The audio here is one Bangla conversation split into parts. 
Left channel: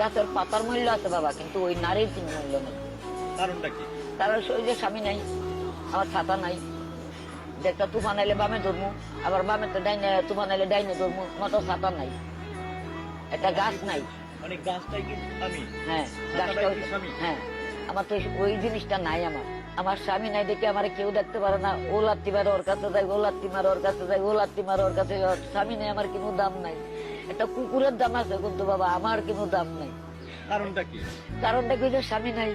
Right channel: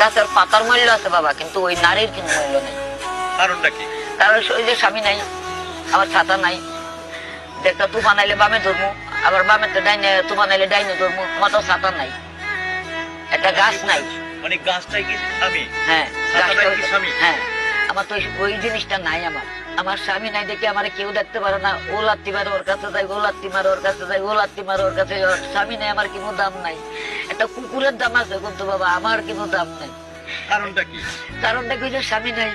গাছের পাতার মূল্য আছে বাবা, কিন্তু ওই নারীর কিন্তু মূল্য নেই। কারণটা কি? কারণ ওই যে স্বামী নাই, আমার ছাতা নাই, একটা তুফান আইলে বামে ধরবো, আবার বামে তো ডাইনে তুফান আইলে ডাইনে ধরবো, আমার তো ছাতা নাই, একটা গাছ নাই। মানে গাছটাই কি স্বামী? হ্যাঁ, ছাতাটাই গাছটা কি স্বামী? হ্যাঁ, আমার তো ওই জিনিসটা নাই। আমার স্বামী নাই দেখে আমার কেউ দেখতে পারে না। ও লাত্তি মারে ওর কাছে যাই, ও লাত্তি মারে ওর কাছে যাই, ও লাত্তি মারে ওর কাছে যাই। স্বামী নাই, আমার কোনো দাম নাই। একটা কুকুরের দাম আছে, কিন্তু বাবা আমার কোনো দাম নাই। কারণটা কি? কারণটা কি যে স্বামী নাই।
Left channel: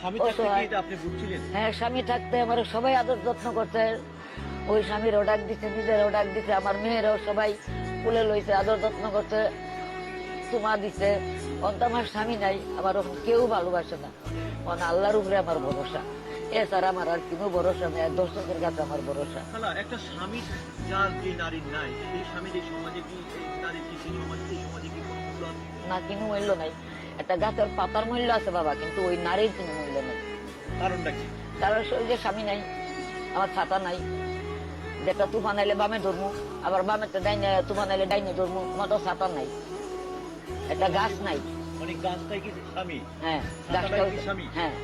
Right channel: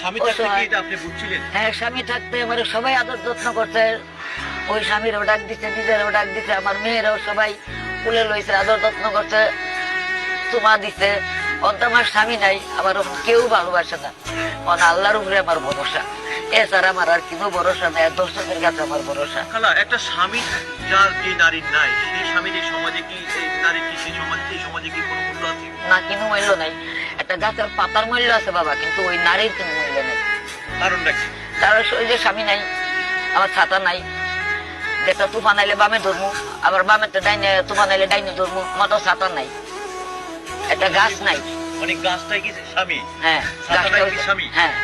স্বামী থাকতে কি এটা আপনি বুঝছিলেন? হ্যাঁ, স্বামী থাকতে আমার সবাই আদর যত্ন করছে। ওই স্বামীরও ডাক দিচ্ছে, নিজেরও ডাক দিচ্ছে, আমার মেয়েরাও সবাই কুলে লইছে, আদর যত্ন করছে, তোমা দিচ্ছে। অন্ত আমার স্বামী নাই, আমার কেউ ভালোবাসে না। আল্লাহর উপরে আমার ভরসা, এছাড়া আমার আর কোনো ভরসা নাই। দর্শকের কাছে আমার ভরসা। খালা, একটা স্বামী যার যে নারীর নাই, সেই স্বামীর এই সমাজে কি, এই নারীর কি, সেই সমাজে কি কোনো মূল্য আছে? না, কোনো মূল্য নাই। একটা গাছের পাতার মূল্য আছে বাবা, কিন্তু ওই নারীর কোনো মূল্য নেই। কারণটা কি? কারণ ওই যে স্বামী নাই, আমার ছাতা নাই, একটা তুফান আইলে বামে ধরবো, আবার বামে তো ডাইনে তুফান আইলে ডাইনে ধরবো, আমার তো ছাতা নাই, একটা গাছ নাই। মানে গাছটাই কি স্বামী? হ্যাঁ, ছাতাটাই গাছটা কি স্বামী? হ্যাঁ,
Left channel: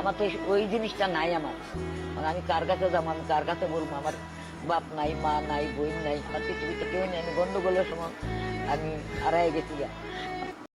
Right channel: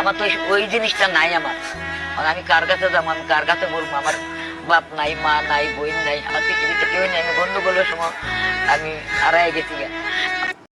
আমার তো ওই জিনিসটা নাই। আমার আমি কার কাছে যাবো, আমি কার কাছে বলবো? আমার বাপ নাই, মা নাই, বোন নাই, আমার পৃথিবীতে কেউ নাই। আমি গন্ডগোলের সময় আমি হারাই গেছি।